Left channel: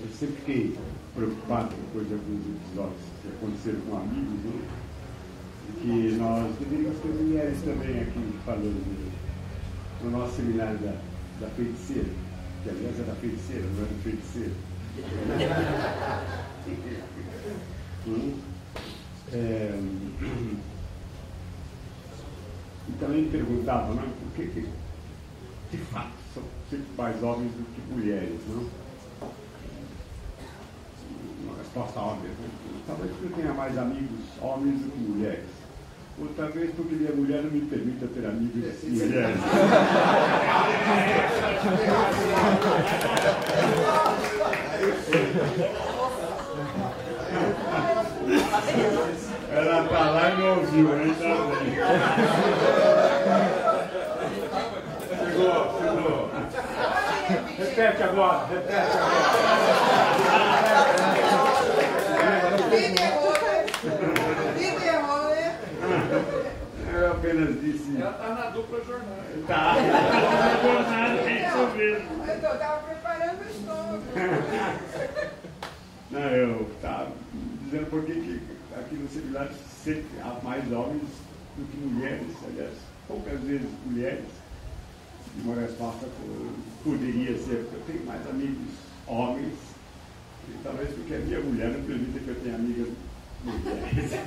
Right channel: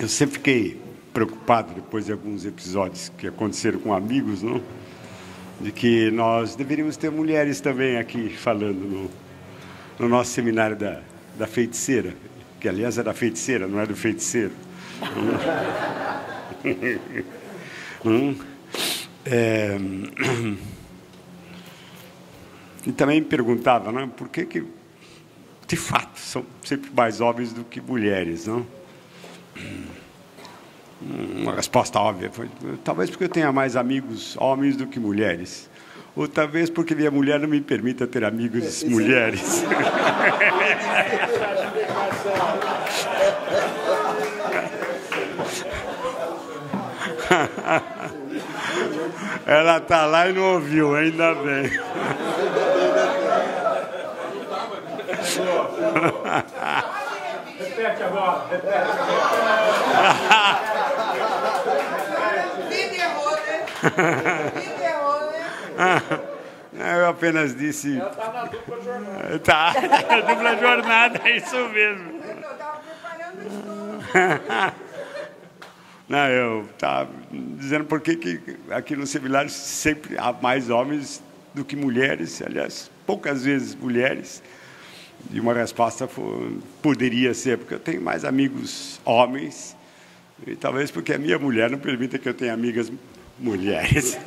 Eu sempre fiquei preocupado, depois de alguns episódios que aconteceram com amigos, não? De que nós deveríamos ter mulheres também aqui falando no nosso seminário da feiticeira, que aliás é da feiticeira, não é do feiticeiro. E também me perguntava, né, por que, de fato, são sempre mais homens do que mulheres, não? Uma resposta óbvia foi, talvez porque eu tenha mais amigos homens do que mulheres. Ou talvez porque minha mulher não me permita ter amigos mulheres. Ela está lá e não ouviu, ainda bem. Repete agora, repete Eu apenas disse... Ela está na dupla jornada. Tá, na dupla jornada, é isso mesmo. Eu estava preparando isso. Não, eu estava dizendo por que aqui no seminário sempre há mais homens do que mulheres, aliás, poucas vezes mulheres. E uma resposta poderia ser porque eu tenho mais amigos homens, e talvez porque a minha mulher não permita que eu tenha amigas mulheres.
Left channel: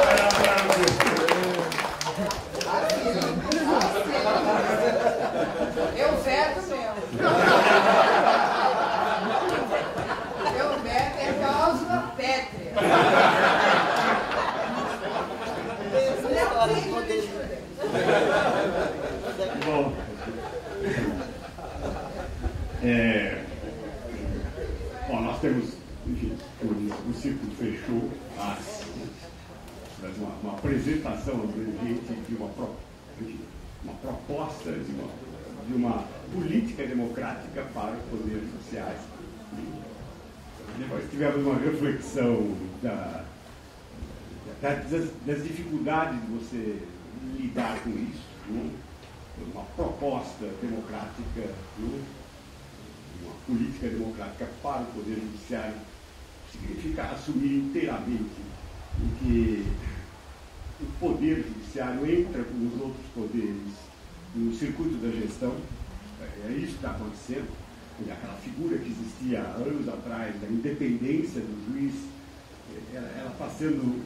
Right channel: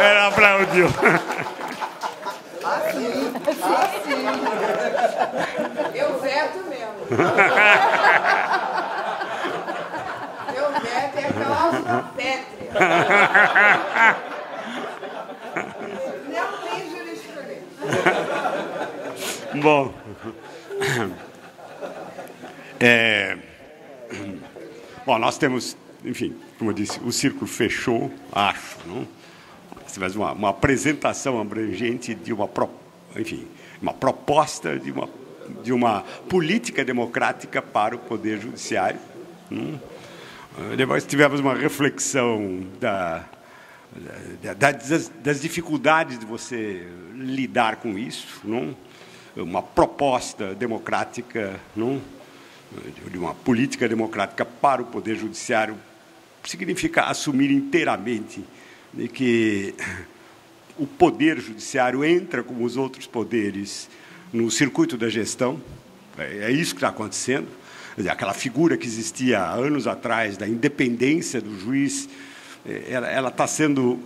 Ela aplaudiu. Eu veto mesmo. Eu veto é cláusula pétrea. Não tem jurisprudência. Bom, bom, nós temos, enfim, como eu disse, o círculo fechou, acho, não? Nós tivemos uma apresentação abrangente de enfim, uma proposta de uma política democrática para o Poder Judiciário. Não? Depois tivemos uma reflexão das dificuldades de você lidar com isso, não? Uma proposta democrática, não? De uma política democrática para o Poder Judiciário significa assumir inteiramente de que o Poder Judiciário entra, como os outros poderes, no circuito da gestão. É isso que está acontecendo. Quer dizer, aquela figura que existia há anos atrás, da independência do juiz, ela está sendo,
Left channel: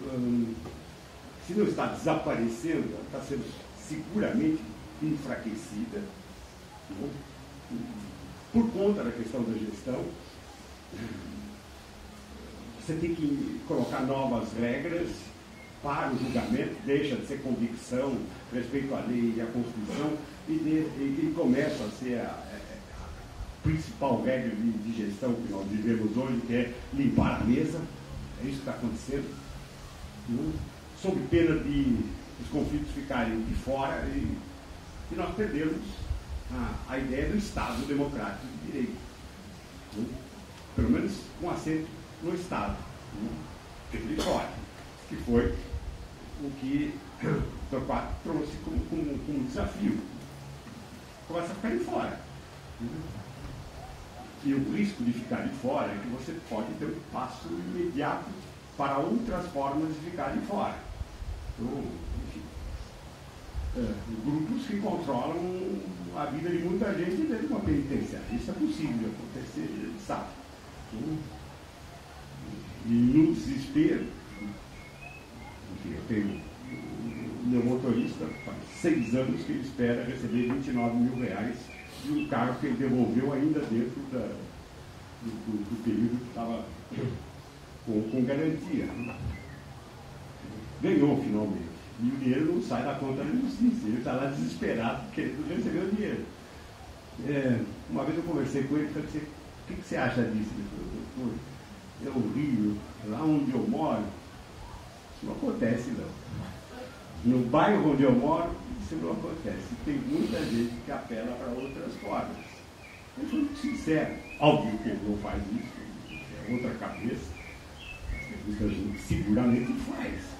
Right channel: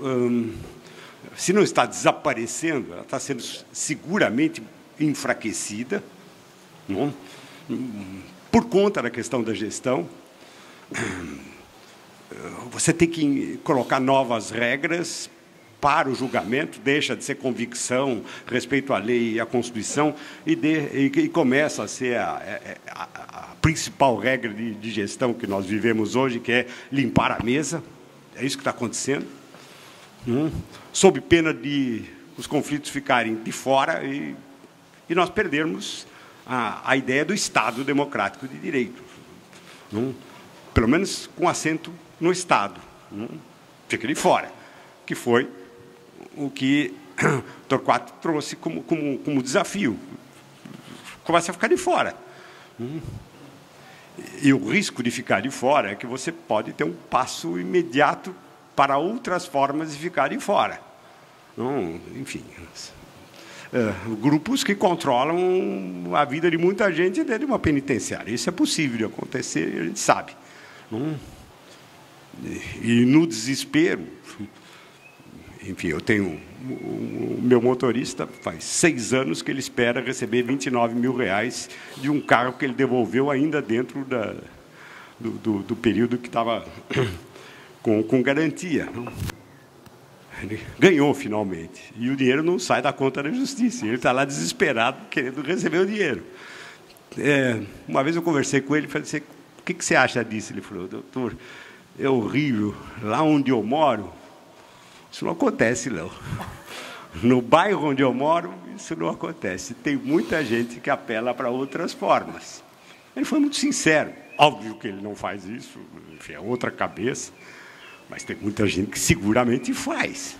se não está desaparecendo, ela está sendo seguramente enfraquecida, não? Por conta da questão da gestão. Você tem que colocar novas regras para o julgamento, deixa de ser convicção, respeito à lei e à Constituição, e começa a ser a principal regra de gestão que nós vivemos hoje, que é limpar a mesa. É isso que está acontecendo. Sob pena de os conflitos ficarem de fora e nós perdermos a ideia do Estado democrático de direito. Pelo menos com assento no Estado. Fica de fora. Que foi o que Torquato trouxe como desafio. Começa a ficar de fora. E o risco de ficar de fora é que você pode ter um passo imediato para outras formas de ficar de fora. Enfim, grupos que controlam a vida de muita gente dentro de uma penitenciária. Isso é possível de acontecer, a gente sabe. E no desespero, enfim, eu tenho o meu motorista, faz 6 anos que ele espera receber R$29 mil de um carro que ele devolveu ainda dentro do período que estava com garantia. Ele ganhou finalmente, e o dinheiro não sai da conta da justiça, ele está lá desesperado querendo receber o dinheiro. Uma vez eu conversei com ele e falei assim, o que você acha disso? Ele falou, doutor, é horrível, lá onde eu moro, isso não acontece, não. No bairro onde eu moro, isso não acontece. Tem muita gente que apela para outras formas. Ele foi muito sincero. Óbvio que ele não faz isso, enfim, é outra cabeça, mas tem muita gente que seguramente faz.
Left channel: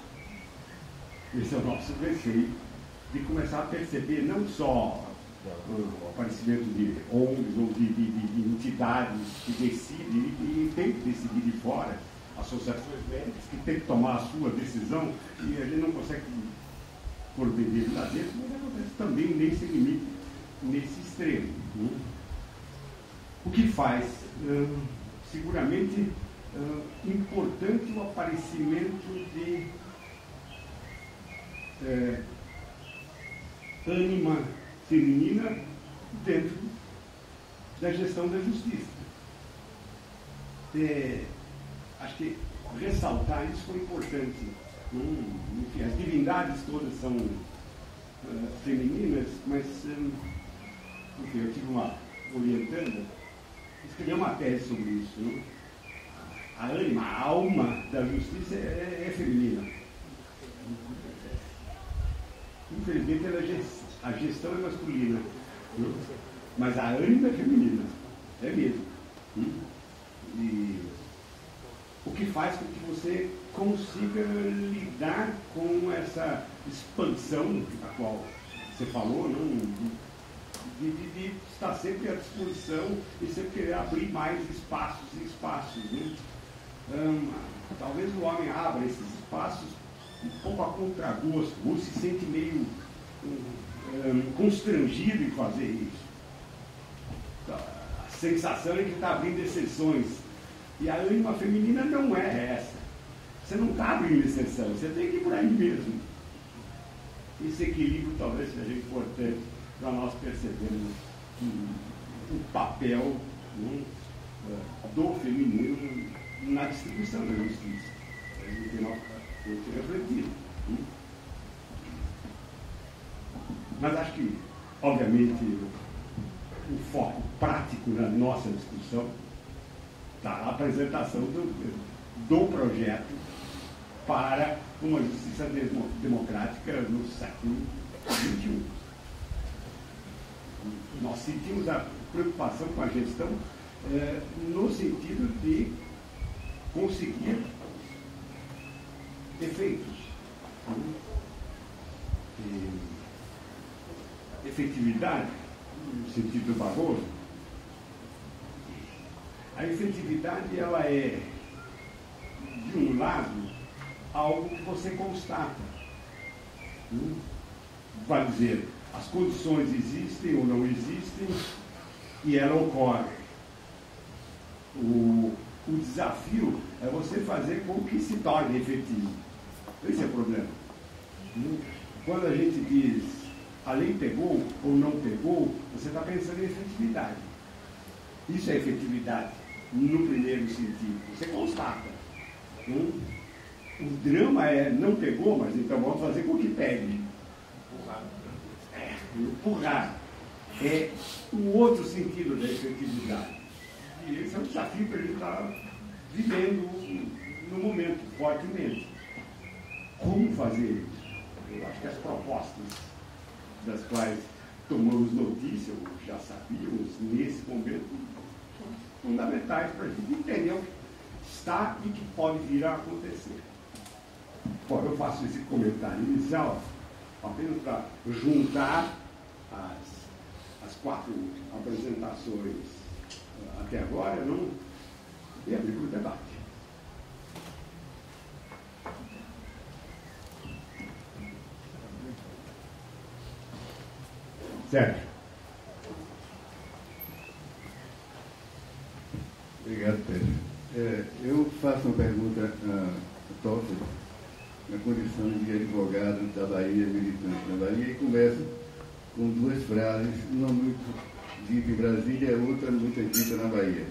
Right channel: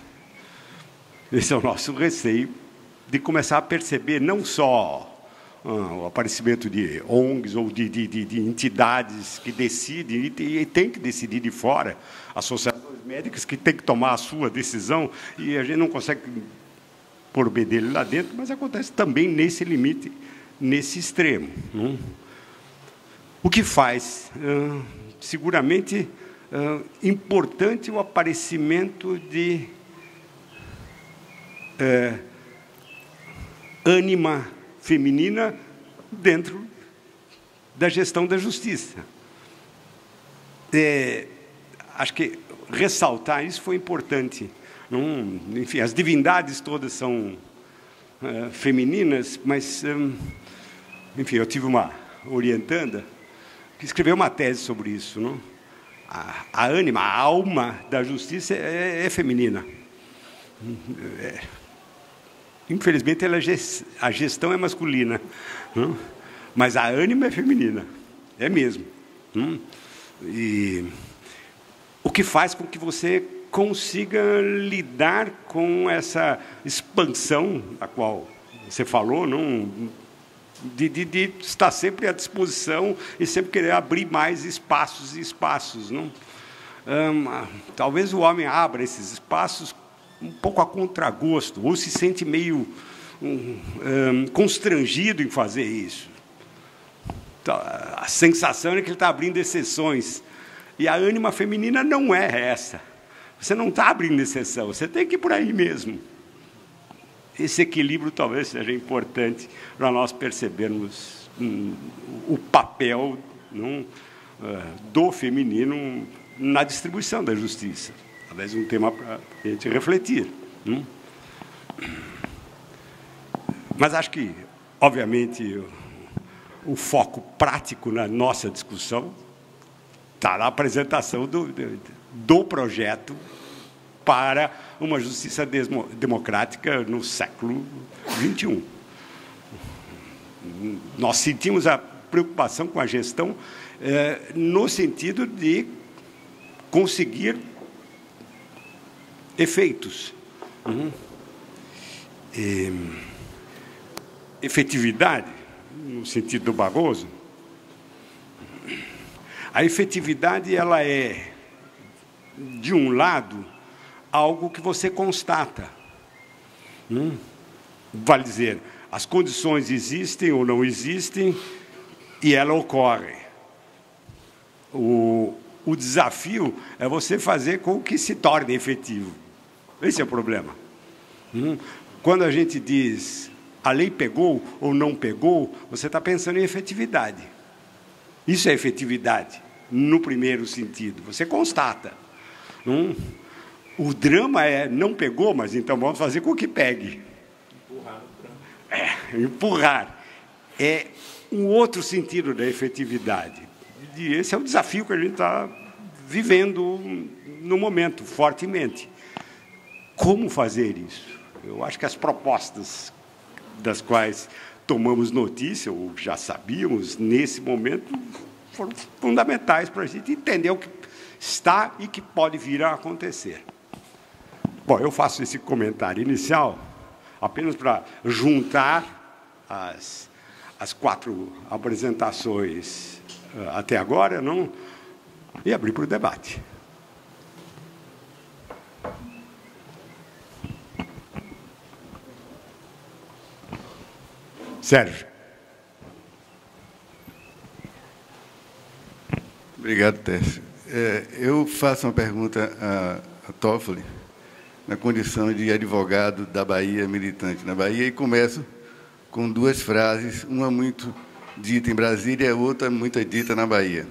Esse é o nosso receio de começar a perceber não só o aparecimento de ONGs ou de entidades que decidem, e tem que decidir de fora, associações médicas que têm que tomar a sua decisão, e a gente não consegue pôr o bedelho lá dentro, mas acontece também nesse limite, nesse extremo. O que faz, seguramente, importante o aparecimento de ânima feminina dentro da gestão da justiça. Acho que ressaltar isso foi importante. Enfim, as divindades todas são femininas, mas, enfim, eu tive uma orientanda que escreveu uma tese sobre isso. Não? A ânima, a alma da justiça é feminina. Infelizmente, a gestão é masculina, não? Mas a ânima é feminina, é mesmo. Não? E o que faz com que você consiga lidar com essa expansão a qual você falou, não? De estar sempre à disposição e sempre querer abrir mais espaços e espaços. Não? Talvez o homem abra esses espaços um pouco a contragosto, ou se sente meio constrangido em fazer isso. A sensação é que ele está abrindo exceções. E a ânima feminina não é essa. Você não está abrindo exceção, você tem que ir por aí mesmo. Esse equilíbrio talvez seja importante para nós percebermos o papel do feminino na distribuição da justiça. Talvez um tema para a gente refletir. Mas acho que, obviamente, o foco prático na nossa discussão está na apresentação do projeto para uma justiça democrática no século XXI. Nós sentimos a preocupação com a gestão no sentido de conseguir efeitos. Efetividade, no sentido do Barroso, a efetividade ela é, de um lado, algo que você constata. Vale dizer, as condições existem ou não existem e ela ocorre. O desafio é você fazer com que se torne efetivo. Esse é o problema. Quando a gente diz a lei pegou ou não pegou, você está pensando em efetividade. Isso é efetividade, no primeiro sentido. Você constata. O drama é, não pegou, mas então vamos fazer com que pegue. Empurrar. É um outro sentido da efetividade. E esse é o desafio que a gente está vivendo no momento, fortemente. Como fazer isso? Eu acho que as propostas das quais tomamos notícia, ou já sabíamos, nesse momento, foram fundamentais para a gente entender o que está e que pode vir a acontecer. Bom, eu faço esse comentário inicial apenas para juntar as 4 apresentações até agora, não? E abrir para o debate. Sérgio. Obrigado, Tércio. Eu faço uma pergunta a Toffoli, na condição de advogado da Bahia, militante na Bahia, e começo com 2 frases, uma muito dita em Brasília e a outra muito dita na Bahia.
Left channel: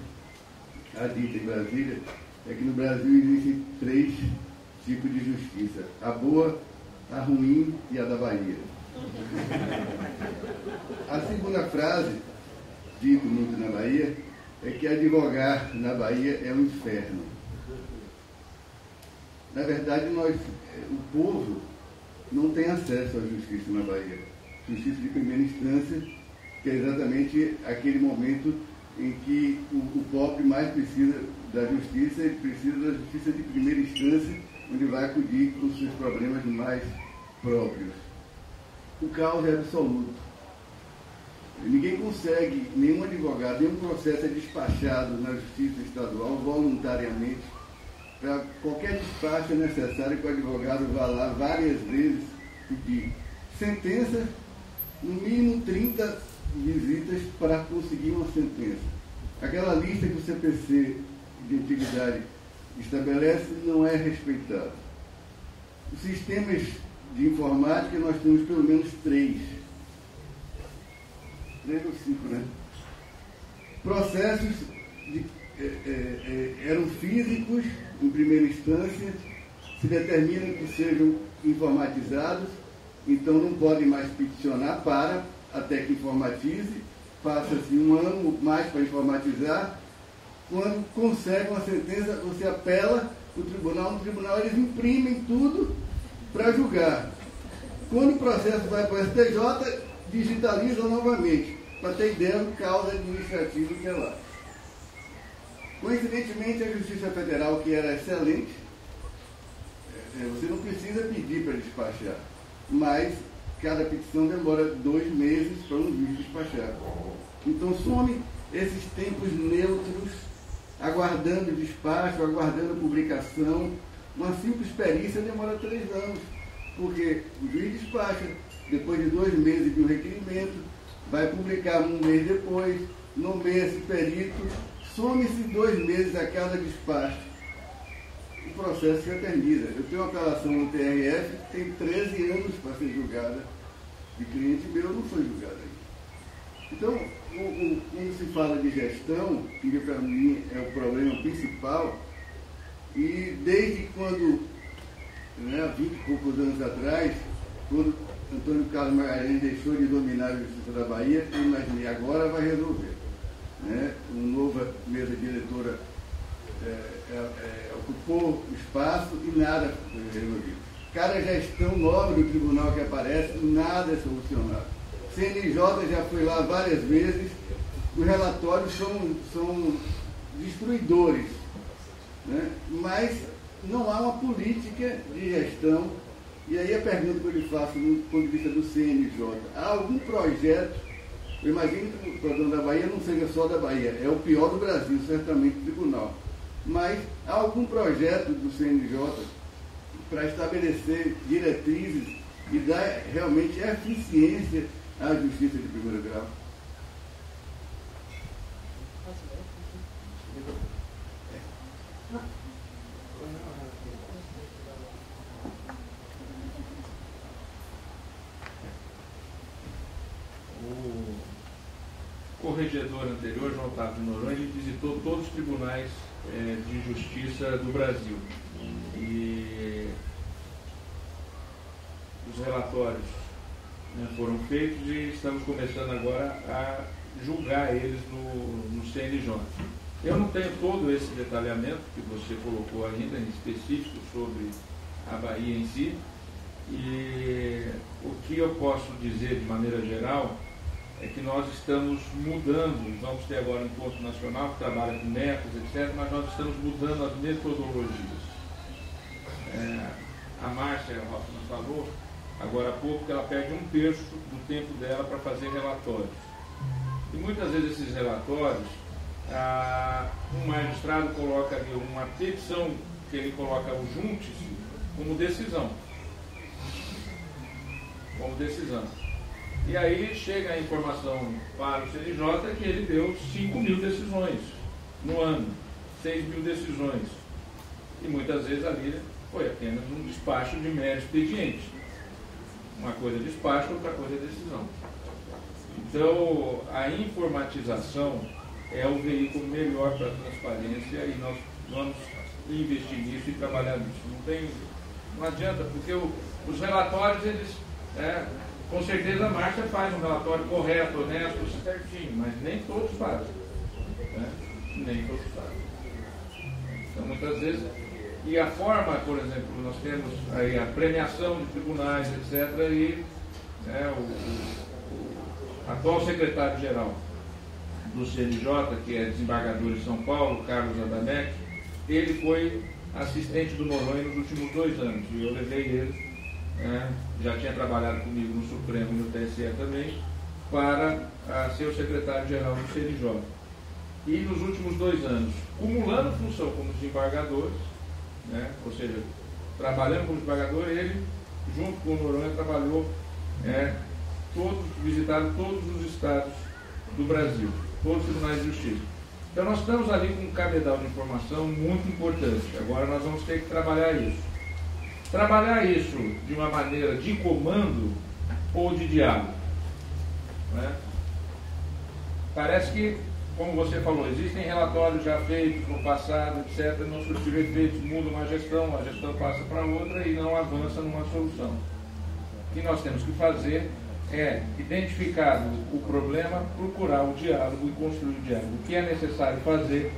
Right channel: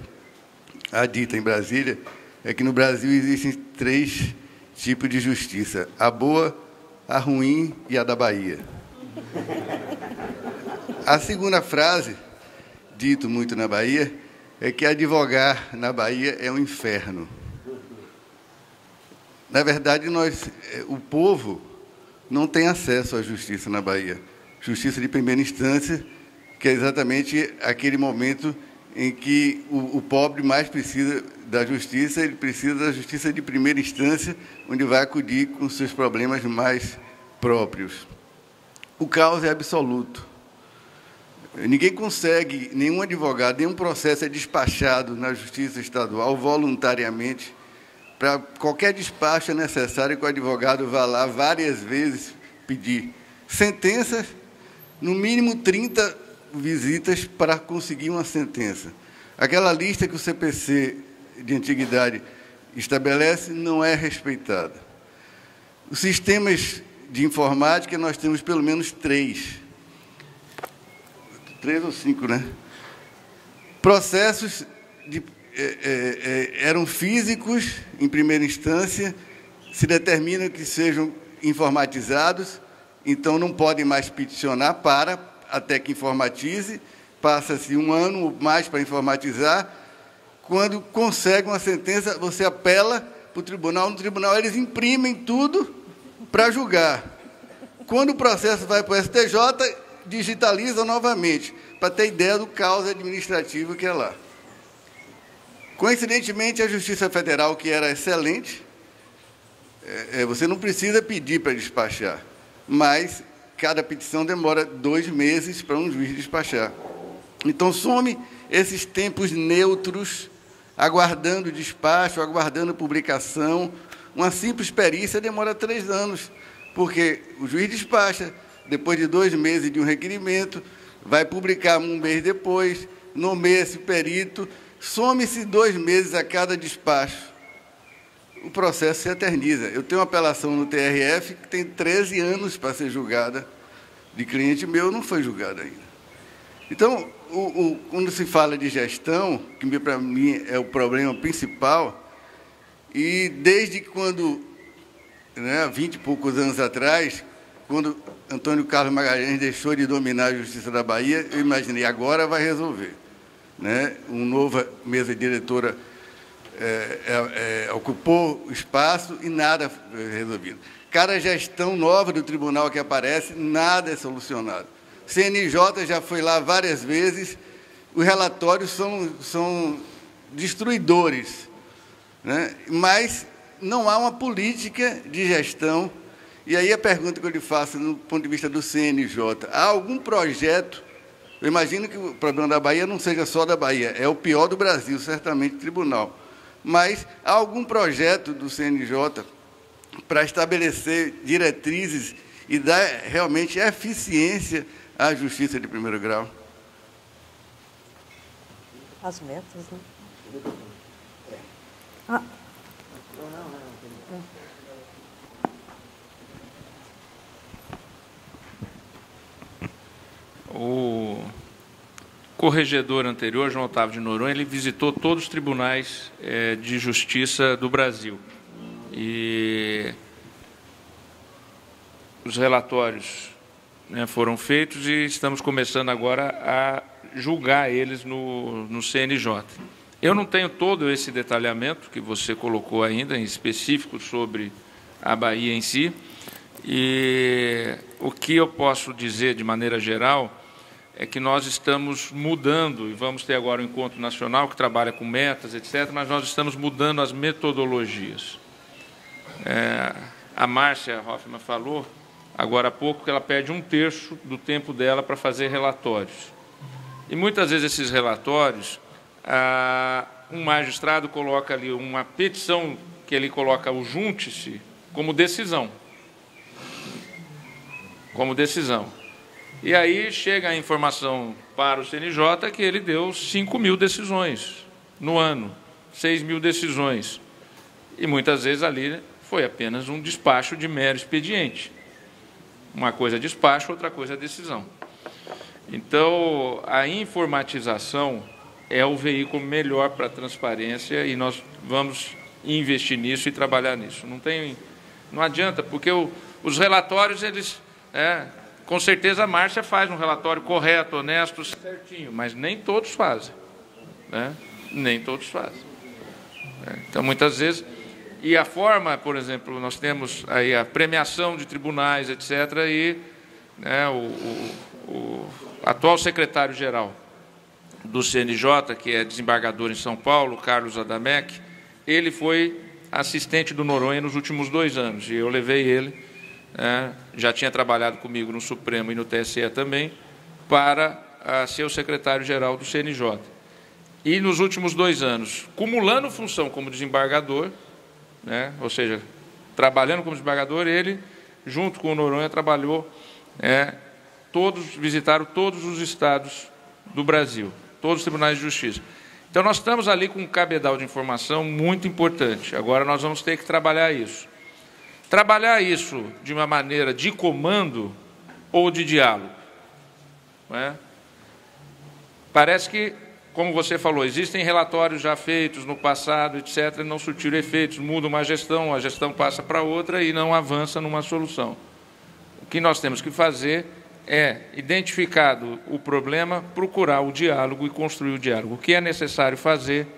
A dita em Brasília é que no Brasil existem 3 tipos de justiça: a boa, a ruim e a da Bahia. A segunda frase, dito muito na Bahia, é que advogar na Bahia é um inferno. Na verdade, o povo não tem acesso à justiça na Bahia. Justiça de primeira instância, que é exatamente aquele momento em que o pobre mais precisa da justiça, ele precisa da justiça de primeira instância, onde vai acudir com seus problemas mais próprios. O caos é absoluto. Ninguém consegue, nenhum advogado, nenhum processo é despachado na Justiça Estadual voluntariamente. Para qualquer despacho é necessário que o advogado vá lá várias vezes pedir sentenças, no mínimo 30 visitas para conseguir uma sentença. Aquela lista que o CPC de antiguidade estabelece não é respeitada. Os sistemas de informática, nós temos pelo menos 3 ou 5, né? Processos eram físicos, em primeira instância, se determina que sejam informatizados, então não podem mais peticionar até que informatize, passa-se 1 ano ou mais para informatizar. Quando consegue uma sentença, você apela para o tribunal, no tribunal eles imprimem tudo para julgar. Quando o processo vai para o STJ, digitaliza novamente, para ter ideia do caos administrativo que é lá. Coincidentemente, a Justiça Federal, que era excelente, você não precisa pedir para despachar, mas cada petição demora 2 meses para um juiz despachar. Então, some esses tempos neutros, aguardando despacho, aguardando publicação. Uma simples perícia demora 3 anos, porque o juiz despacha, depois de 2 meses de um requerimento, vai publicar 1 mês depois, nomeia esse perito, some-se 2 meses a cada despacho. O processo se eterniza. Eu tenho uma apelação no TRF que tem 13 anos para ser julgada, de cliente meu, não foi julgada ainda. Então, quando se fala de gestão, que para mim é o problema principal, e desde quando, 20 e poucos anos atrás, quando Antônio Carlos Magalhães deixou de dominar a Justiça da Bahia, eu imaginei, agora vai resolver. Uma nova mesa diretora ocupou o espaço e nada foi resolvido. Cada gestão nova do tribunal que aparece, nada é solucionado. CNJ já foi lá várias vezes, os relatórios são destruidores, mas não há uma política de gestão. E aí a pergunta que eu lhe faço, do ponto de vista do CNJ, há algum projeto? Eu imagino que o problema da Bahia não seja só da Bahia, é o pior do Brasil, certamente, tribunal. Mas há algum projeto do CNJ para estabelecer diretrizes e dar realmente eficiência à justiça de primeiro grau? As metas, né? O corregedor anterior, João Otávio de Noronha, ele visitou todos os tribunais de justiça do Brasil. E os relatórios foram feitos e estamos começando agora a julgar eles no CNJ. Eu não tenho todo esse detalhamento que você colocou ainda, em específico sobre a Bahia em si, e o que eu posso dizer de maneira geral é que nós estamos mudando, e vamos ter agora um encontro nacional que trabalha com metas, etc., mas nós estamos mudando as metodologias. A Márcia Hoffmann falou agora há pouco que ela perde 1/3 do tempo dela para fazer relatórios. E muitas vezes esses relatórios, um magistrado coloca ali uma petição que ele coloca o junte-se como decisão. E aí chega a informação para o CNJ que ele deu 5.000 decisões no ano, 6.000 decisões. E muitas vezes ali foi apenas um despacho de mero expediente. Uma coisa é despacho, outra coisa é decisão. Então, a informatização é o veículo melhor para a transparência e nós vamos investir nisso e trabalhar nisso. Não adianta, porque os relatórios, eles... com certeza a Márcia faz um relatório correto, honesto, certinho, mas nem todos fazem. Nem todos fazem. Então, muitas vezes... E a forma, por exemplo, nós temos aí a premiação de tribunais, etc., e o atual secretário-geral do CNJ, que é desembargador em São Paulo, Carlos Adamec, ele foi assistente do Noronha nos últimos 2 anos, e eu levei ele, já tinha trabalhado comigo no Supremo e no TSE também, para ser o secretário-geral do CNJ. E nos últimos 2 anos, cumulando função como desembargador, né, ou seja, trabalhando como desembargador, ele, junto com o Noronha, visitaram todos os estados do Brasil, todos os tribunais de justiça. Então, nós estamos ali com um cabedal de informação muito importante. Agora, nós vamos ter que trabalhar isso. Trabalhar isso de uma maneira de comando ou de diálogo. Não é? Parece que, como você falou, existem relatórios já feitos no passado, etc., e não surtiram efeitos, muda uma gestão, a gestão passa para outra e não avança numa solução. O que nós temos que fazer é, identificado o problema, procurar o diálogo e construir o diálogo. O que é necessário fazer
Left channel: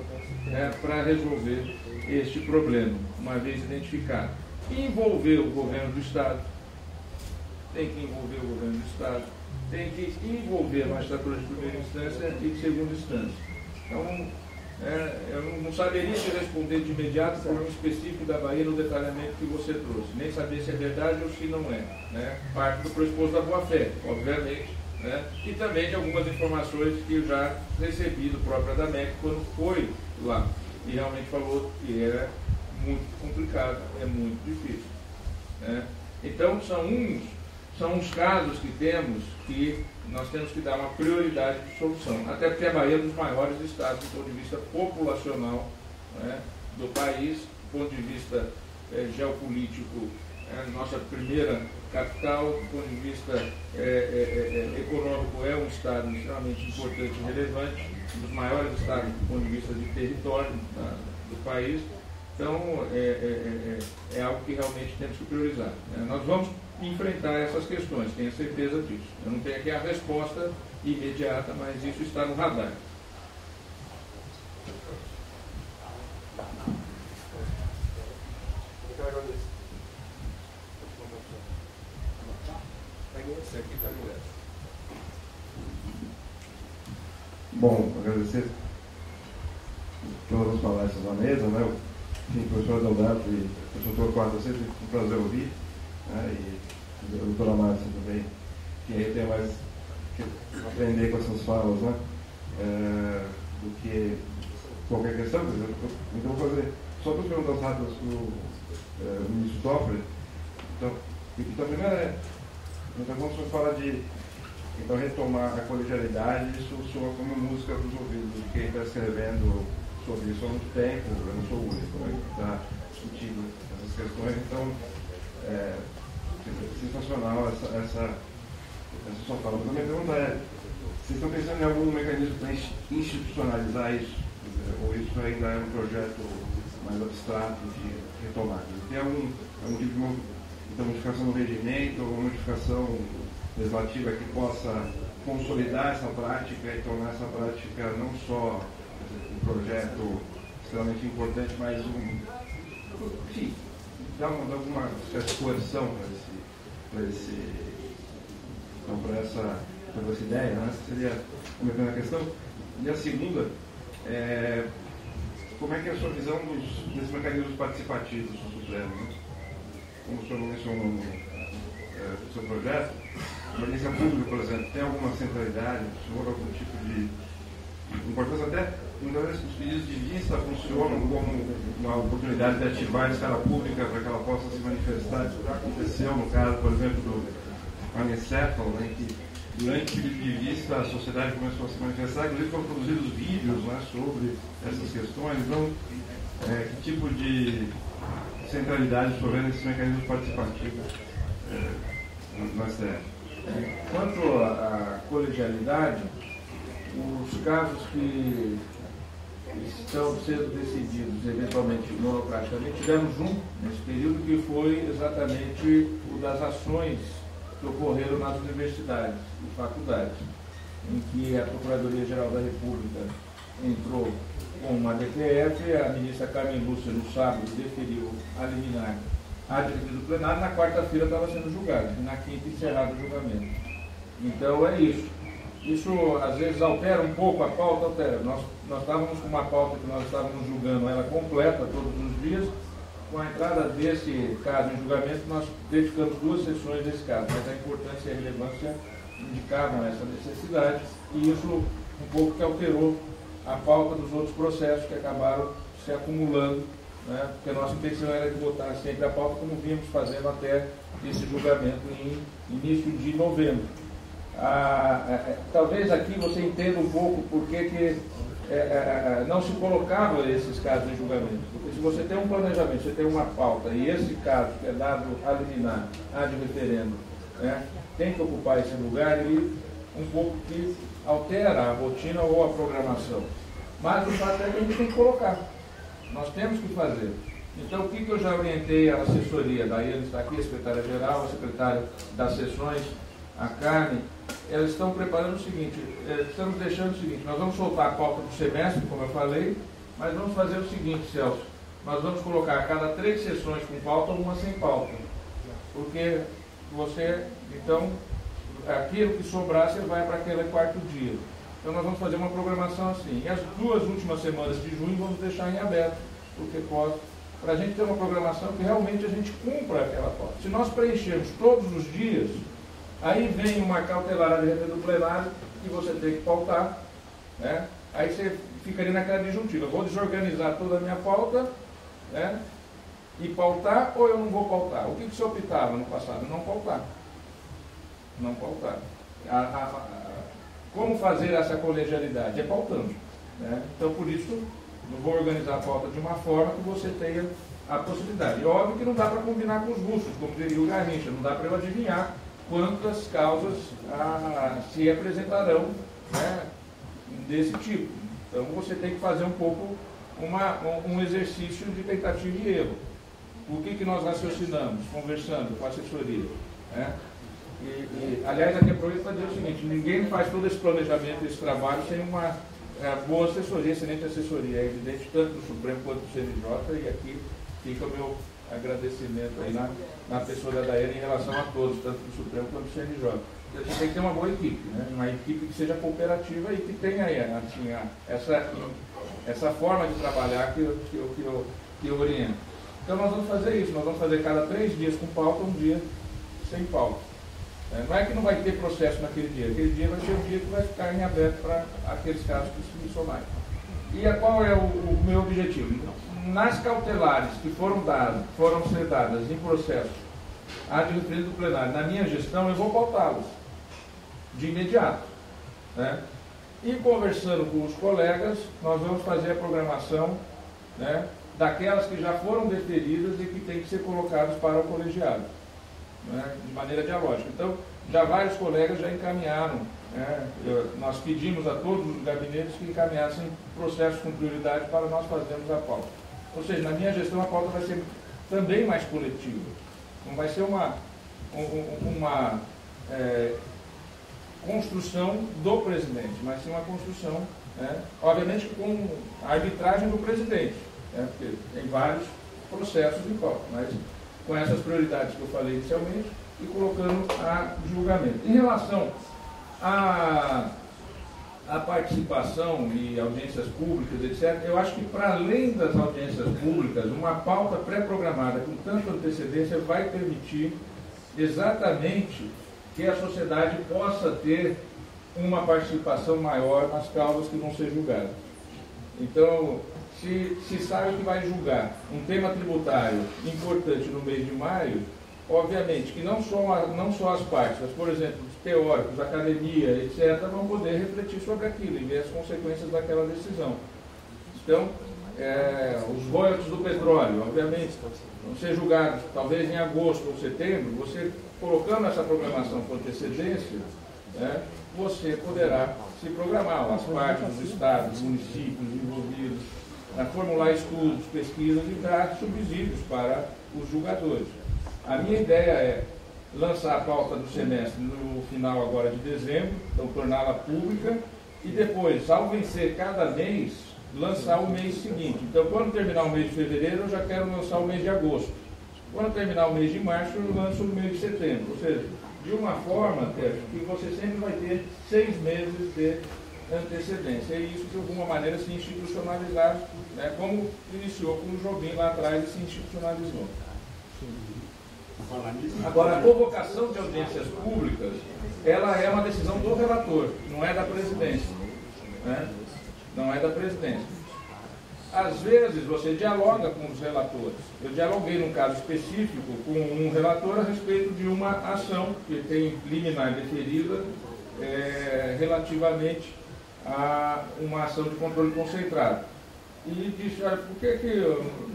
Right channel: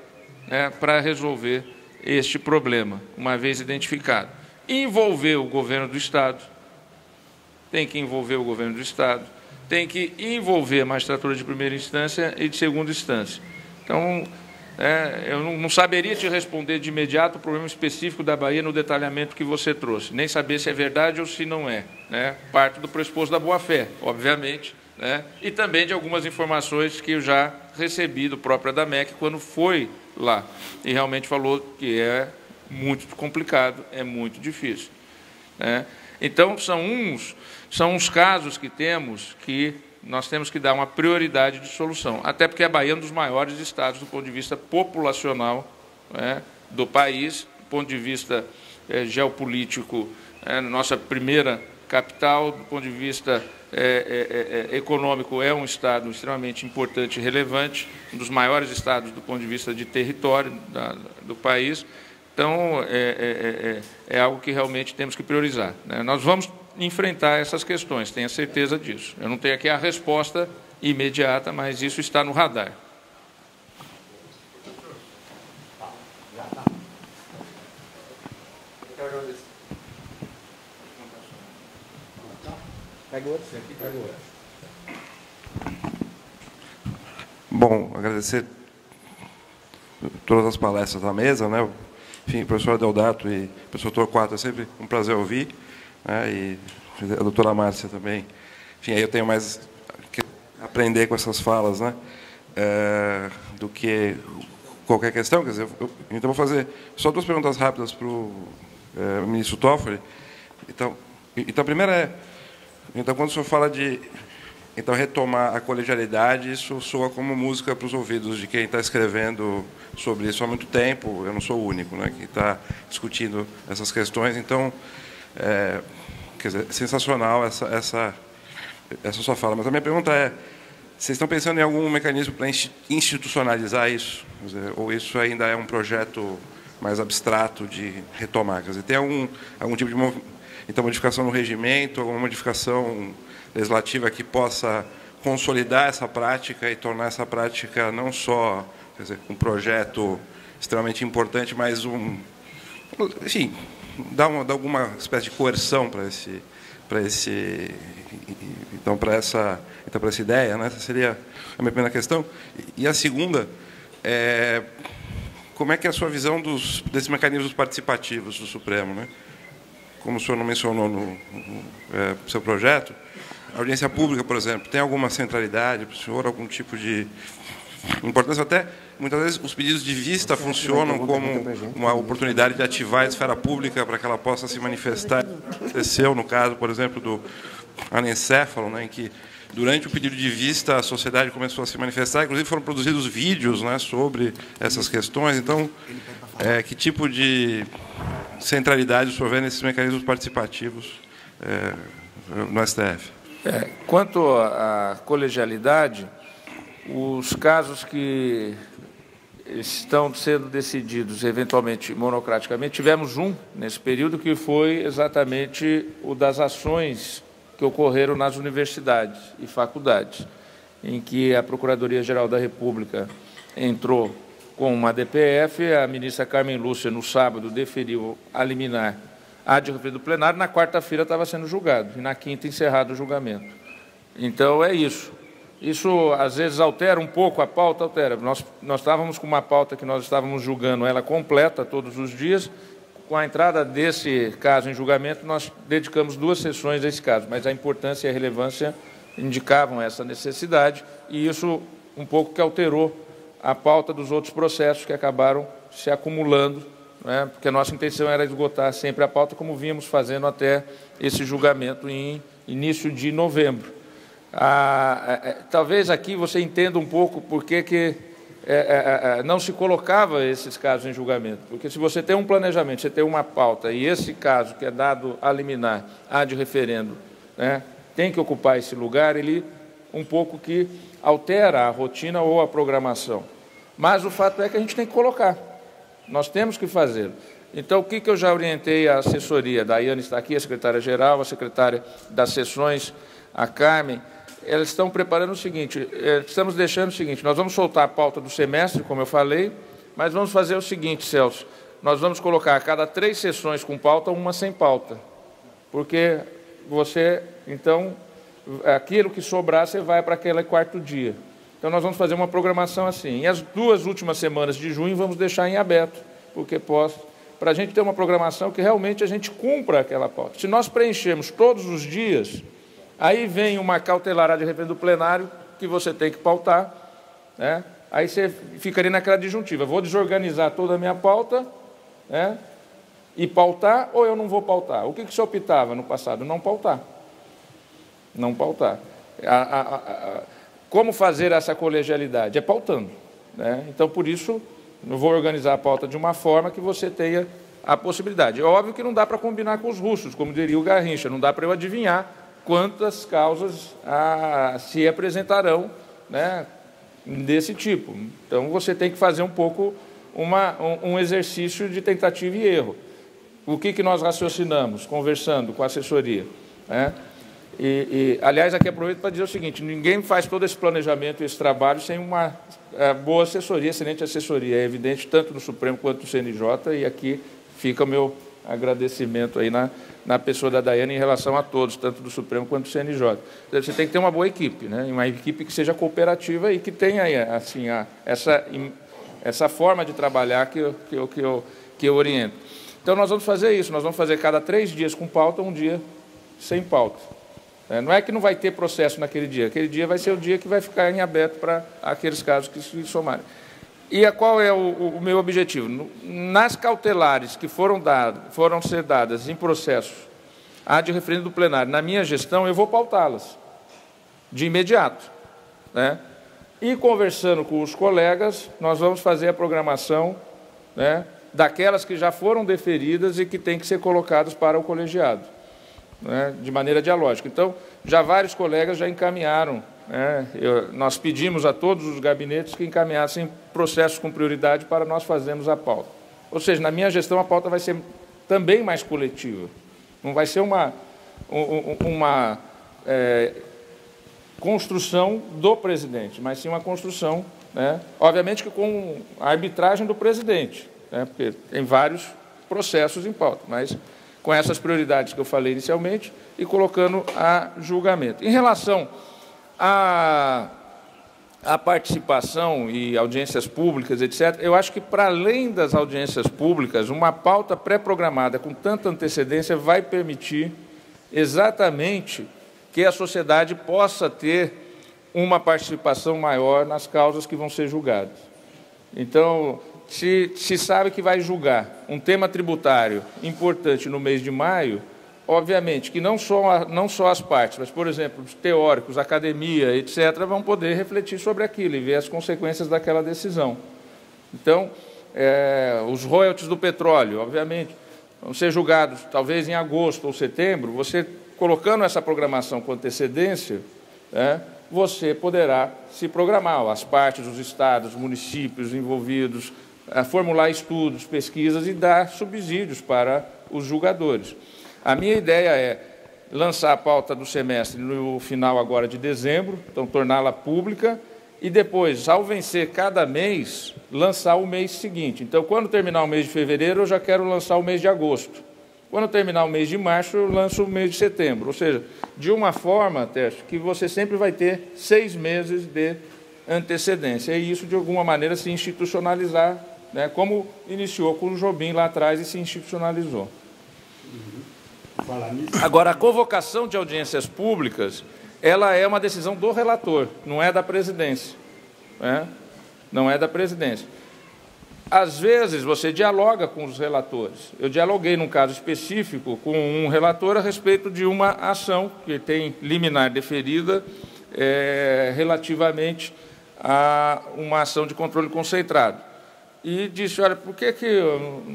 para resolver este problema, uma vez identificado. Envolver o governo do Estado, tem que envolver o governo do Estado, tem que envolver a magistratura de primeira instância e de segunda instância. Então, eu não saberia te responder de imediato o problema específico da Bahia no detalhamento que você trouxe, nem saber se é verdade ou se não é. Né? Parte do pressuposto da boa-fé, obviamente, né? E também de algumas informações que eu já recebi do próprio Adamec quando foi lá e realmente falou que é muito complicado, é muito difícil. Né? Então, são uns casos que nós temos que dar uma prioridade de solução, até porque a Bahia é um dos maiores estados do ponto de vista populacional, né, do país, do ponto de vista geopolítico, nossa primeira capital, do ponto de vista econômico, é um estado extremamente importante e relevante, um dos maiores estados do ponto de vista de território do país. Então, é algo que realmente temos que priorizar. Né? Nós vamos enfrentar essas questões, tenha certeza disso. Eu não tenho aqui a resposta imediata, mas isso está no radar. Bom, agradecer todas as palestras da mesa, né? Enfim, professor Adeodato e professor Torquato, é sempre um prazer ouvir, né? E a doutora Márcia também. Enfim, aí eu tenho mais que aprender com essas falas, né? Do que qualquer questão. Quer dizer, então vou fazer só 2 perguntas rápidas para o ministro Toffoli. Então, a primeira é, então, quando o senhor fala de retomar a colegialidade, isso soa como música para os ouvidos de quem está escrevendo sobre isso há muito tempo. Eu não sou o único, né, que está discutindo essas questões. Então, quer dizer, sensacional essa sua fala. Mas a minha pergunta é, vocês estão pensando em algum mecanismo para institucionalizar isso? Quer dizer, ou isso ainda é um projeto mais abstrato de retomar? Quer dizer, tem algum tipo de modificação no regimento, alguma modificação legislativa que possa consolidar essa prática e tornar essa prática não só, quer dizer, um projeto extremamente importante, mas enfim, dar alguma espécie de coerção para essa ideia, né? Essa seria a minha primeira questão. E a segunda é, como é que é a sua visão desses mecanismos participativos do Supremo, né? Como o senhor não mencionou no seu projeto, a audiência pública, por exemplo, tem alguma centralidade para o senhor, algum tipo de importância? Até, muitas vezes, os pedidos de vista funcionam como uma oportunidade de ativar a esfera pública para que ela possa se manifestar. Aconteceu no caso, por exemplo, do anencéfalo, né, em que, durante o pedido de vista, a sociedade começou a se manifestar, inclusive foram produzidos vídeos, né, sobre essas questões. Então, que tipo de centralidade o senhor vê nesses mecanismos participativos no STF? Quanto à colegialidade, os casos que estão sendo decididos eventualmente monocraticamente, tivemos um nesse período que foi exatamente o das ações que ocorreram nas universidades e faculdades, em que a Procuradoria-Geral da República entrou com uma DPF, a ministra Carmen Lúcia, no sábado, deferiu a liminar a de referido do plenário, na quarta-feira estava sendo julgado, e na quinta encerrado o julgamento. Então, é isso. Isso, às vezes, altera um pouco a pauta, altera. Nós estávamos com uma pauta que nós estávamos julgando ela completa todos os dias. Com a entrada desse caso em julgamento, nós dedicamos 2 sessões a esse caso, mas a importância e a relevância indicavam essa necessidade, e isso um pouco que alterou a pauta dos outros processos que acabaram se acumulando, né, porque a nossa intenção era esgotar sempre a pauta, como vínhamos fazendo até esse julgamento em início de novembro. Talvez aqui você entenda um pouco por que não se colocava esses casos em julgamento, porque se você tem um planejamento, você tem uma pauta, e esse caso que é dado a liminar, ad referendo, né, tem que ocupar esse lugar, ele um pouco que altera a rotina ou a programação. Mas o fato é que a gente tem que colocar, nós temos que fazer. Então, o que eu já orientei a assessoria, a Daiane está aqui, a secretária-geral, a secretária das sessões, a Carmen, elas estão preparando o seguinte, estamos deixando o seguinte, nós vamos soltar a pauta do semestre, como eu falei, mas vamos fazer o seguinte, Celso, nós vamos colocar a cada 3 sessões com pauta, uma sem pauta, porque você, então, aquilo que sobrar, você vai para aquele 4º dia. Então, nós vamos fazer uma programação assim, e as 2 últimas semanas de junho vamos deixar em aberto, porque para a gente ter uma programação que realmente a gente cumpra aquela pauta. Se nós preenchermos todos os dias, aí vem uma cautelar de referendo do plenário que você tem que pautar, né? Aí você ficaria naquela disjuntiva, vou desorganizar toda a minha pauta, né, e pautar, ou eu não vou pautar? O que você optava no passado? Não pautar. Não pautar. Como fazer essa colegialidade? É pautando, né? Então, por isso, eu vou organizar a pauta de uma forma que você tenha a possibilidade. É óbvio que não dá para combinar com os russos, como diria o Garrincha, não dá para eu adivinhar quantas causas se apresentarão, né, desse tipo. Então, você tem que fazer um pouco um exercício de tentativa e erro. O que nós raciocinamos, conversando com a assessoria, né? Aliás, aqui aproveito para dizer o seguinte, ninguém faz todo esse planejamento e esse trabalho sem uma boa assessoria, excelente assessoria. É evidente tanto no Supremo quanto no CNJ, e aqui fica o meu agradecimento aí na pessoa da Daiane em relação a todos, tanto do Supremo quanto do CNJ. Você tem que ter uma boa equipe, né? Uma equipe que seja cooperativa e que tenha assim, essa forma de trabalhar que eu oriento. Então, nós vamos fazer isso, nós vamos fazer cada 3 dias com pauta, um dia sem pauta. Não é que não vai ter processo naquele dia vai ser o dia que vai ficar em aberto para aqueles casos que se somarem. E qual é o meu objetivo? Nas cautelares que foram ser dadas em processo ad referendo do plenário, na minha gestão, eu vou pautá-las de imediato, né? E conversando com os colegas, nós vamos fazer a programação, né, daquelas que já foram deferidas e que têm que ser colocadas para o colegiado, né, de maneira dialógica. Então, já vários colegas já encaminharam, né, nós pedimos a todos os gabinetes que encaminhassem processos com prioridade para nós fazermos a pauta. Ou seja, na minha gestão a pauta vai ser também mais coletiva. Não vai ser uma construção do presidente, mas sim uma construção, né, obviamente que com a arbitragem do presidente, né, porque tem vários processos em pauta, mas com essas prioridades que eu falei inicialmente e colocando a julgamento. Em relação à participação e audiências públicas, etc., eu acho que, para além das audiências públicas, uma pauta pré-programada com tanta antecedência vai permitir exatamente que a sociedade possa ter uma participação maior nas causas que vão ser julgadas. Então, se sabe que vai julgar um tema tributário importante no mês de maio, obviamente que não só as partes, mas, por exemplo, os teóricos, a academia, etc., vão poder refletir sobre aquilo e ver as consequências daquela decisão. Então, os royalties do petróleo, obviamente, vão ser julgados talvez em agosto ou setembro. Você colocando essa programação com antecedência, né, você poderá se programar, as partes, os estados, os municípios envolvidos, formular estudos, pesquisas e dar subsídios para os julgadores. A minha ideia é lançar a pauta do semestre no final agora de dezembro, então torná-la pública, e depois, ao vencer cada mês, lançar o mês seguinte. Então, quando terminar o mês de fevereiro, eu já quero lançar o mês de agosto. Quando terminar o mês de março, eu lanço o mês de setembro. Ou seja, de uma forma, Tércio, que você sempre vai ter 6 meses de antecedência. E isso, de alguma maneira, se institucionalizar, né, como iniciou com o Jobim lá atrás e se institucionalizou. Agora, a convocação de audiências públicas, ela é uma decisão do relator, não é da presidência. Né? Não é da presidência. Às vezes, você dialoga com os relatores. Eu dialoguei, num caso específico, com um relator a respeito de uma ação que tem liminar deferida relativamente a uma ação de controle concentrado. E disse, olha, por que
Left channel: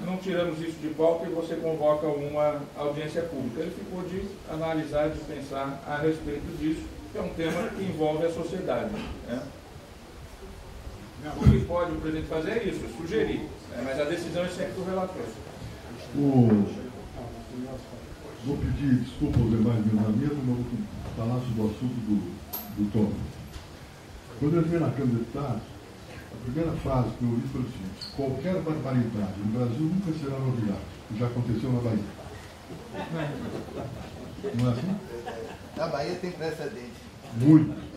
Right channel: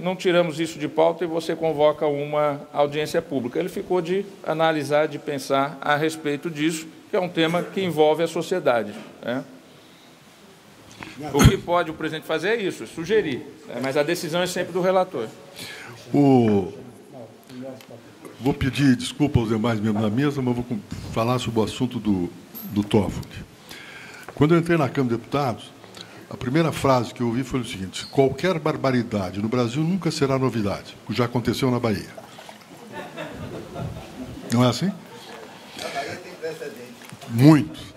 não tiramos isso de pauta e você convoca uma audiência pública? Ele ficou de analisar, de pensar a respeito disso, que é um tema que envolve a sociedade. Né? O que pode o presidente fazer é isso, é sugerir, né? Mas a decisão é sempre do relator. Vou pedir desculpa aos demais membros da mesa, mas vou falar sobre o assunto do Toffoli. Quando eu entrei na Câmara de Deputados, a primeira frase que eu ouvi foi o seguinte: qualquer barbaridade no Brasil nunca será novidade, o que já aconteceu na Bahia. Não é assim? A Bahia tem precedente. Muito.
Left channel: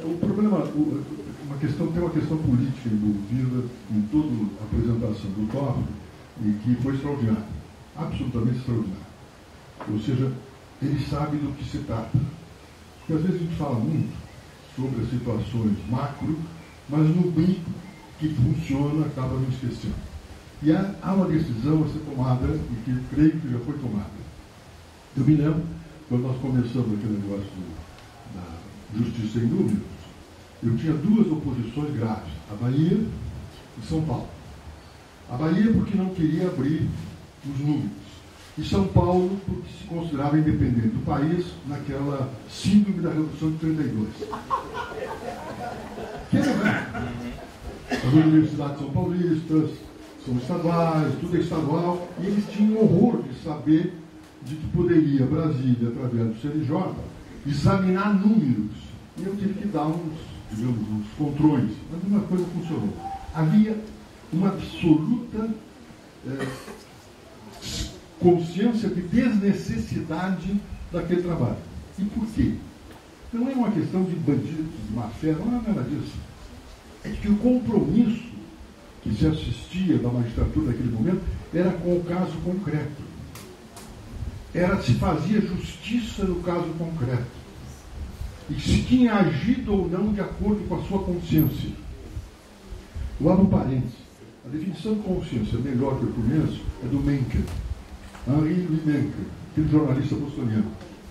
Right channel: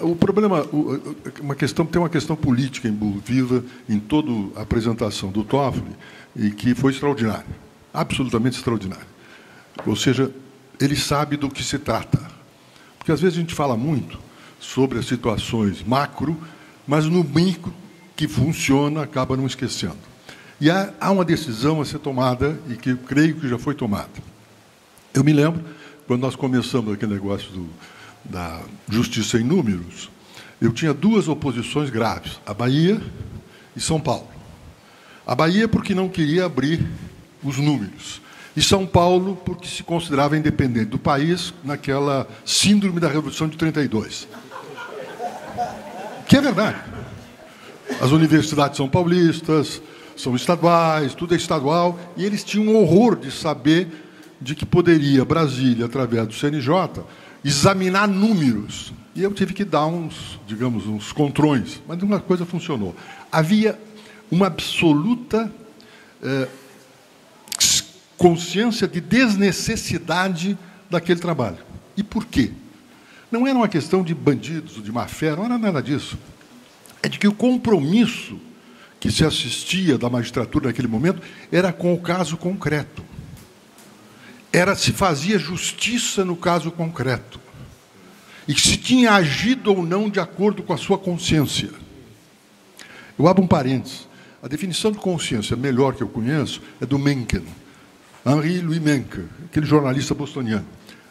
O problema, tem uma questão política envolvida em toda a apresentação do Toffoli e que foi extraordinária, absolutamente extraordinária. Ou seja, ele sabe do que se trata. Porque às vezes a gente fala muito sobre as situações macro, mas no micro que funciona acaba não esquecendo. E há uma decisão a ser tomada e que eu creio que já foi tomada. Eu me lembro, quando nós começamos aquele negócio da justiça em números, eu tinha duas oposições graves, a Bahia e São Paulo. A Bahia porque não queria abrir os números, e São Paulo porque se considerava independente do país naquela síndrome da Revolução de 32. Que é verdade. As universidades são paulistas, são estaduais, tudo é estadual, e eles tinham um horror de saber de que poderia Brasília, através do CNJ, examinar números. E eu tive que dar uns contrões, mas uma coisa funcionou. Havia uma absoluta consciência de desnecessidade daquele trabalho. E por quê? Não era uma questão de bandidos, de má-fé, não era nada disso. É de que o compromisso que se assistia da magistratura naquele momento era com o caso concreto. Se fazia justiça no caso concreto. E se tinha agido ou não de acordo com a sua consciência. Eu abro um parênteses. A definição de consciência melhor que eu conheço é do Mencken, Henri Louis Mencken, aquele jornalista bostoniano.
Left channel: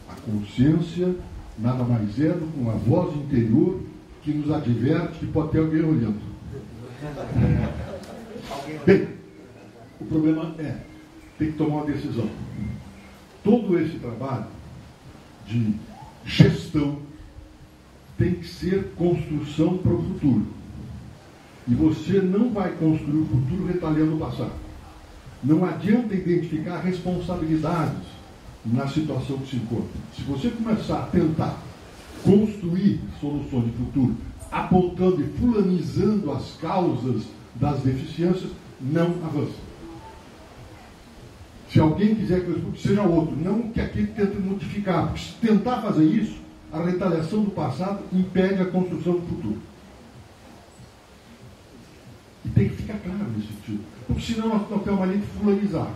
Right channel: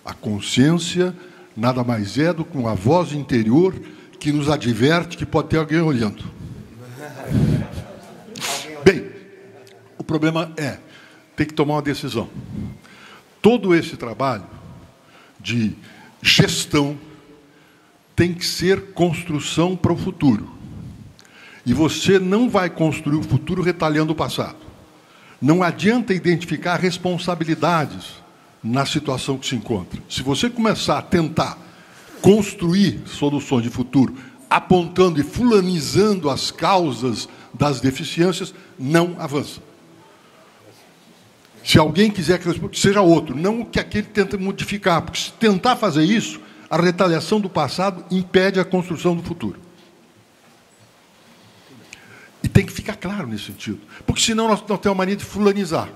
A consciência nada mais é do que uma voz interior que nos adverte que pode ter alguém olhando. Bem, o problema tem que tomar uma decisão. Todo esse trabalho de gestão tem que ser construção para o futuro. E você não vai construir o futuro retalhando o passado. Não adianta identificar responsabilidades na situação que se encontra. Se você começar a tentar construir soluções de futuro, apontando e fulanizando as causas das deficiências, não avança. Se alguém quiser que seja outro, não que aquele tente modificar, porque se tentar fazer isso, a retaliação do passado impede a construção do futuro. E tem que ficar claro nesse sentido, porque senão nós temos a mania de fulanizar.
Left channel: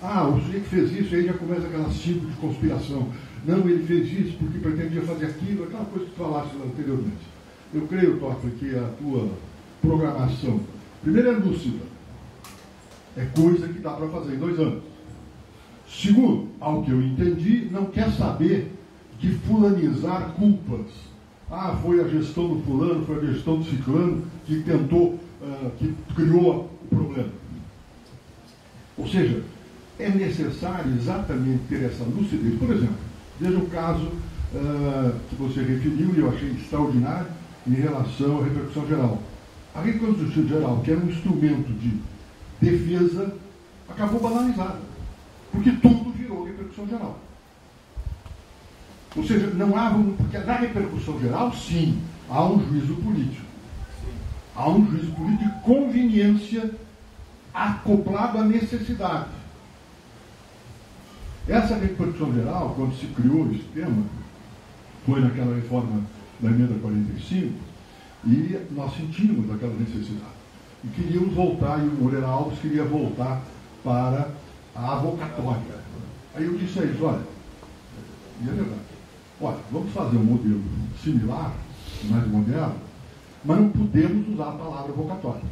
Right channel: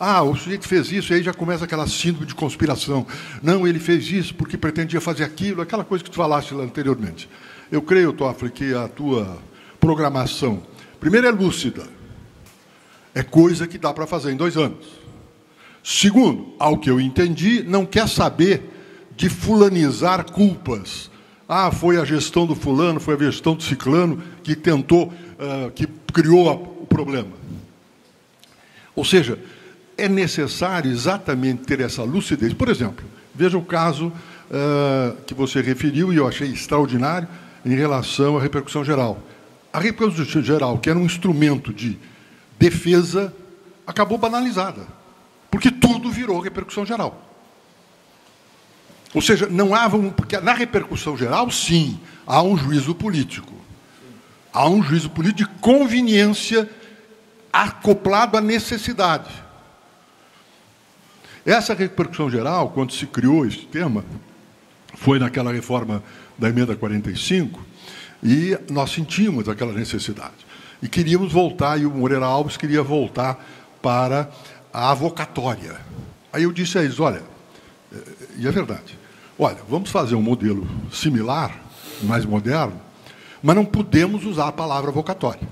O sujeito fez isso, e aí já começa aquela síndrome de conspiração. Não, ele fez isso porque pretendia fazer aquilo, aquela coisa que tu falaste lá anteriormente. Eu creio, Toffoli, que a tua programação, primeiro, é lúcida. É coisa que dá para fazer em 2 anos. Segundo, ao que eu entendi, não quer saber de fulanizar culpas. Foi a gestão do fulano, foi a gestão do ciclano que tentou, que criou o problema. Ou seja, é necessário exatamente ter essa lucidez. Por exemplo, veja o caso que você referiu, e eu achei extraordinário, em relação à repercussão geral. A repercussão geral, que era um instrumento de defesa, acabou banalizada, porque tudo virou repercussão geral. Ou seja, não há... Porque na repercussão geral, sim, há um juízo político. Há um juízo político de conveniência acoplado à necessidade. Essa repercussão geral, quando se criou esse tema, foi naquela reforma da emenda 45, e nós sentimos aquela necessidade. E queríamos voltar, e o Moreira Alves queria voltar para a avocatória. Aí eu disse a eles, olha, e é verdade, olha, vamos fazer um modelo similar, mais moderno, mas não podemos usar a palavra vocatória.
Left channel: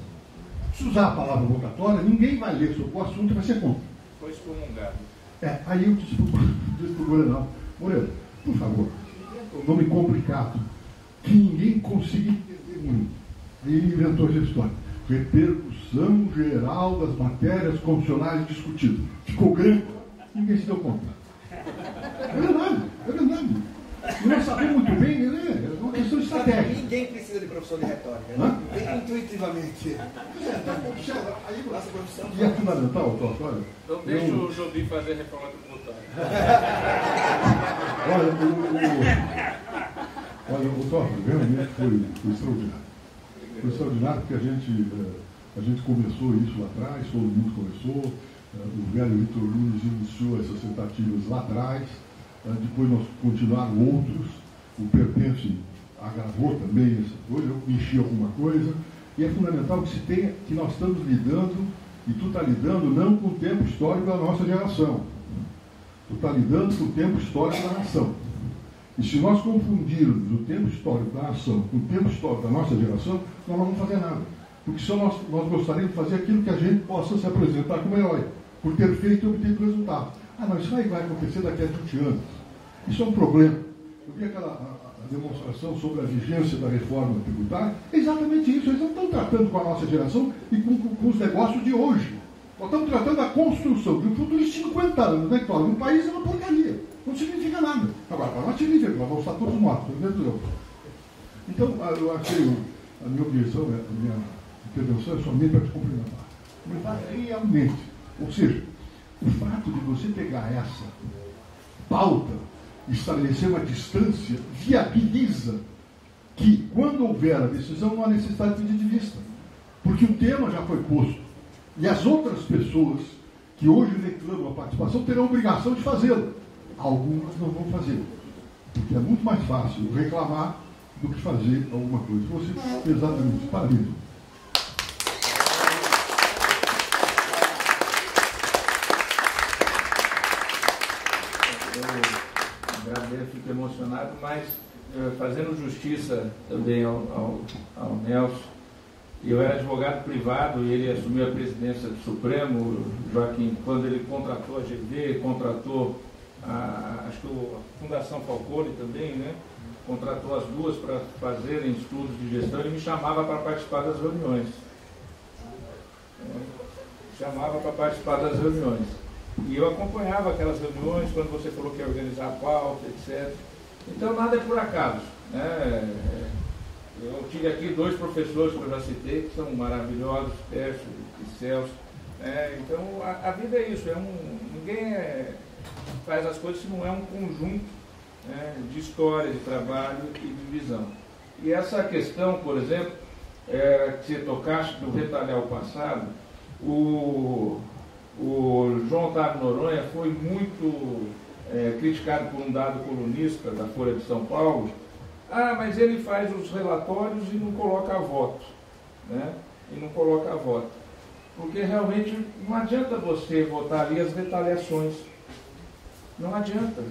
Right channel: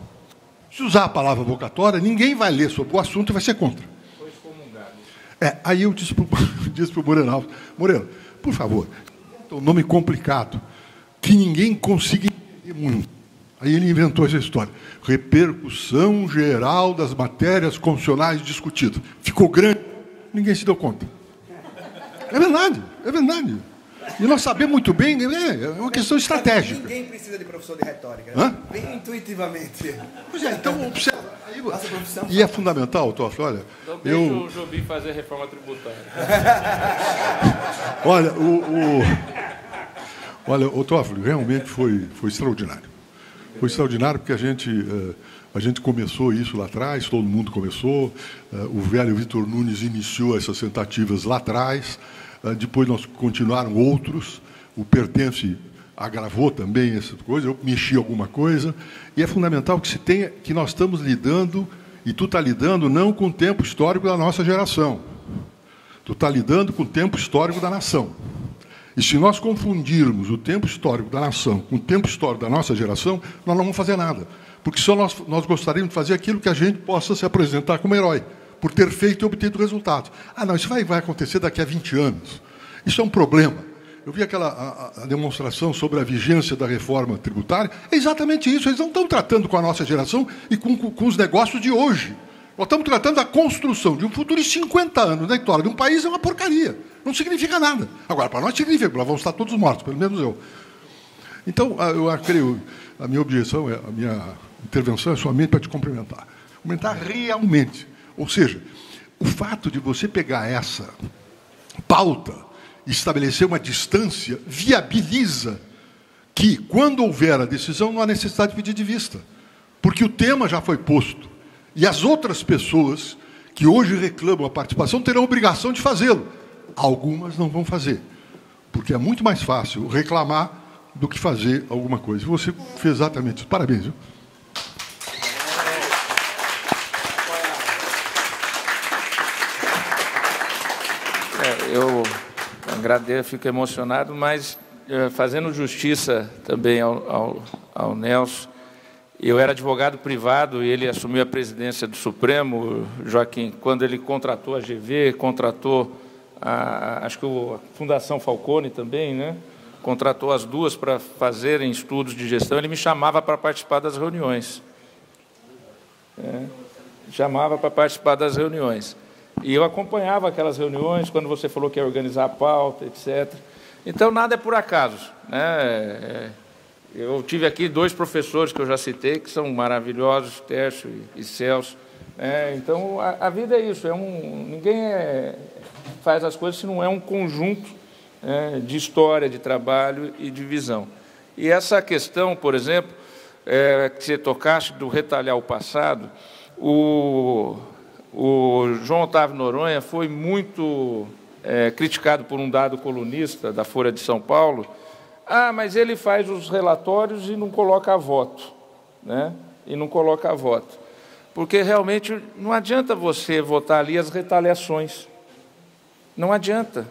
Se usar a palavra vocatória, ninguém vai ler sobre o assunto e vai ser contra. Foi excomungado. Aí eu disse para o Moreira Alves, Moreira, por favor, um nome complicado, que ninguém consiga entender muito. Aí ele inventou essa história. Repercussão geral das matérias constitucionais discutidas. Ficou grande, ninguém se deu conta. É verdade, é verdade. E nós sabemos muito bem, é uma questão estratégica. Ninguém precisa de professor de retórica. Hã? Bem intuitivamente. Pois é, então observa. Nossa profissão. E é fundamental, Toffoli, olha. Então deixa o Jobim fazer a reforma tributária. Olha, o Toffoli realmente foi extraordinário. Foi extraordinário porque a gente começou isso lá atrás, todo mundo começou. O velho Vitor Nunes iniciou essas tentativas lá atrás. Depois nós continuaram outros. O Pertence agravou também essa coisa. Eu mexi alguma coisa. E é fundamental que se tenha, que nós estamos lidando, e tu está lidando não com o tempo histórico da nossa geração. Tu está lidando com o tempo histórico da nação. E se nós confundirmos o tempo histórico da nação com o tempo histórico da nossa geração, nós não vamos fazer nada. Porque só nós gostaríamos de fazer aquilo que a gente possa se apresentar como herói, por ter feito e obtido resultados. Não, isso vai acontecer daqui a 20 anos. Isso é um problema. Eu vi aquela a demonstração sobre a vigência da reforma tributária. É exatamente isso. Eles não estão tratando com a nossa geração e com os negócios de hoje. Nós estamos tratando da construção de um futuro de 50 anos na história de um país, é uma porcaria. Não significa nada. Agora, para nós significa, nós vamos estar todos mortos, pelo menos eu. Então, a minha objeção, a minha intervenção é somente para te cumprimentar. Cumprimentar realmente. Ou seja, o fato de você pegar essa pauta e estabelecer uma distância viabiliza que, quando houver a decisão, não há necessidade de pedir de vista. Porque o tema já foi posto. E as outras pessoas que hoje reclamam a participação terão a obrigação de fazê-lo. Algumas não vão fazer. Porque é muito mais fácil reclamar do que fazer alguma coisa. Você fez exatamente isso. Parabéns, viu? Eu agradeço, fico emocionado, mas fazendo justiça também ao Nelson, eu era advogado privado e ele assumiu a presidência do Supremo, Joaquim, quando ele contratou a GV, contratou, acho que a Fundação Falcone também, né? Contratou as duas para fazerem estudos de gestão, ele me chamava para participar das reuniões. Chamava para participar das reuniões. E eu acompanhava aquelas reuniões, quando você falou que ia organizar a pauta, etc. Então, nada é por acaso, né? Eu tive aqui 2 professores que eu já citei, que são maravilhosos, Tércio e Celso. Então, a vida é isso, ninguém faz as coisas se não é um conjunto de história, de trabalho e de visão. E essa questão, por exemplo, que você tocaste do retalhar o passado, o João Otávio Noronha foi muito criticado por um dado colunista da Folha de São Paulo. Mas ele faz os relatórios e não coloca a voto, né? E não coloca a voto. Porque realmente não adianta você votar ali as retaliações. Não adianta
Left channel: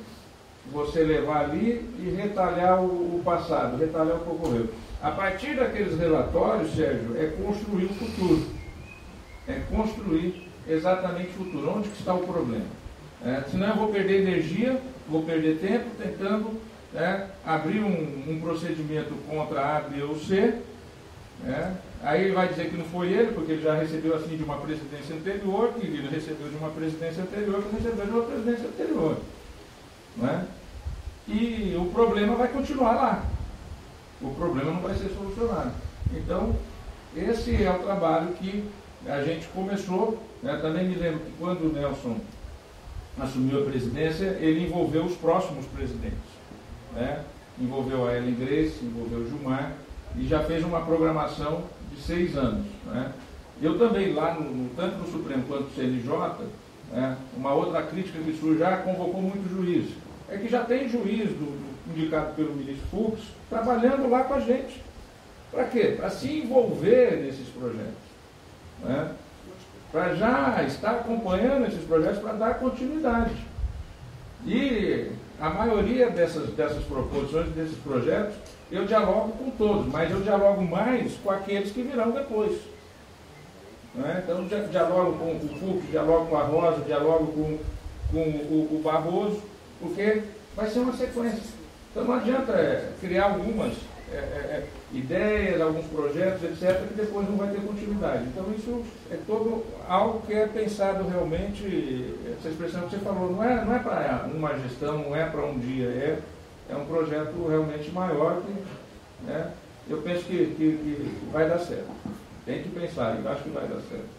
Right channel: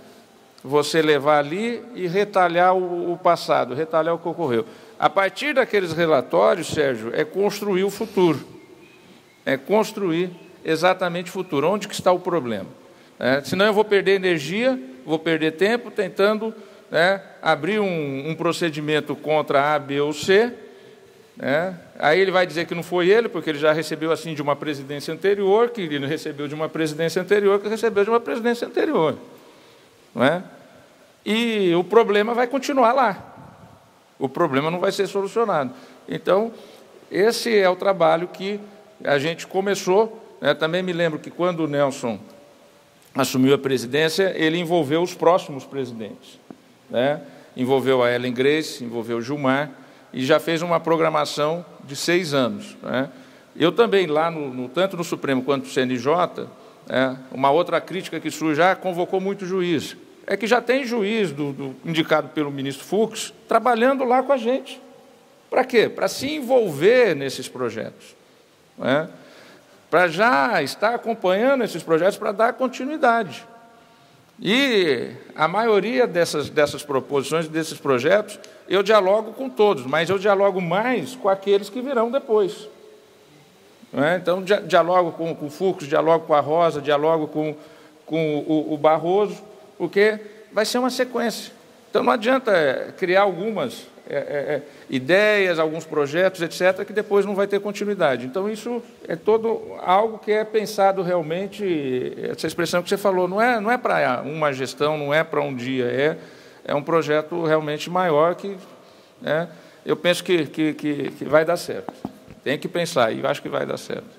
você levar ali e retalhar o passado, retalhar o que ocorreu. A partir daqueles relatórios, Sérgio, é construir o futuro. É construir exatamente o futuro. Onde que está o problema? Senão eu vou perder energia, vou perder tempo tentando abrir um procedimento contra A, B ou C. Aí ele vai dizer que não foi ele, porque ele já recebeu assim de uma presidência anterior, que ele recebeu de uma presidência anterior, que recebeu de uma presidência anterior. Não é? E o problema vai continuar lá. O problema não vai ser solucionado. Então, esse é o trabalho que a gente começou. Também me lembro que quando o Nelson assumiu a presidência, ele envolveu os próximos presidentes. Envolveu a Ellen Grace, envolveu o Gilmar, e já fez uma programação de 6 anos. Eu também, lá, tanto no Supremo quanto no CNJ, uma outra crítica que surge, convocou muito juiz. É que já tem juiz indicado pelo ministro Fux trabalhando lá com a gente. Para quê? Para se envolver nesses projetos. Para já estar acompanhando esses projetos para dar continuidade. E a maioria dessas proposições, desses projetos, eu dialogo com todos, mas eu dialogo mais com aqueles que virão depois. Não é? Então, dialogo com o Fux, dialogo com a Rosa, dialogo com o Barroso, porque vai ser uma sequência. Então, não adianta criar algumas ideias, alguns projetos, etc., que depois não vai ter continuidade. Então, isso é todo algo que é pensado realmente, essa expressão que você falou, não é para uma gestão, não é para um dia, é um projeto realmente maior que, né, eu penso que vai dar certo. Tem que pensar, e eu acho que vai dar certo.